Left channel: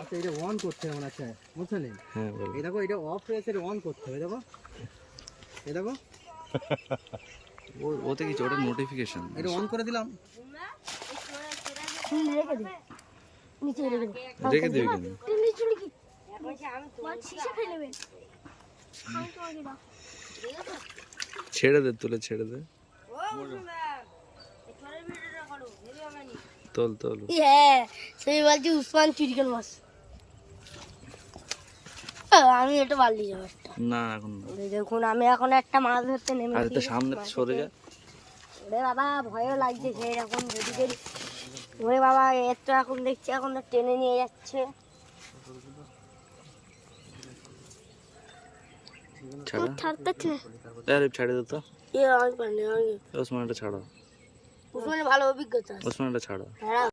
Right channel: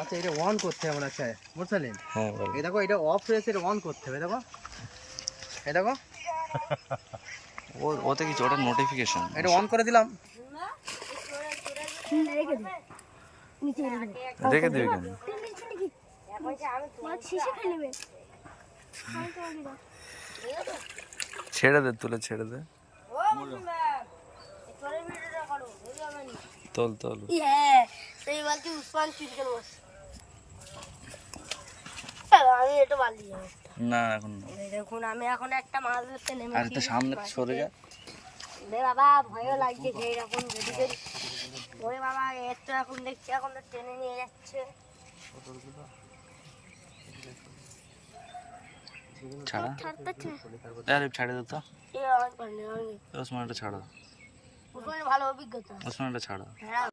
আচ্ছা এটা অন করতে হবে মনে হচ্ছে বুঝলেন? হ্যাঁ এই দেখো এটা অফ হয়েছে, এটা অন করতে হবে। দেখো এই দেখো ওতে কিছু ওটা নোটিফিকেশন, এটা অন করে দিলাম। রেখে দিবি কেন? ছেড়ে দে, তুলে ছেড়ে দে, তোল তোল। সেই বলছি উসমান চিকেন মাছ। আমি এটা বালি যাবো না এখন না। দেখুন আমি এখন একটা মাছ ধরতে নেমেছি। আরে তো সামনে সরে যা। ওরে বাবা ভয়ও লাগছে সেই রকম যদি যদি। ওরে বাবা এর তো এখন দেখছি এখন টেনে নিয়ে যাচ্ছে। ছাড়া ছাড়তেছে আরে ছাড়ে দে তো। আমি পারি ওসমানটা ছাড়া, উসমানের ভালো অভিজ্ঞতা। ওসমানটা ছাড়া।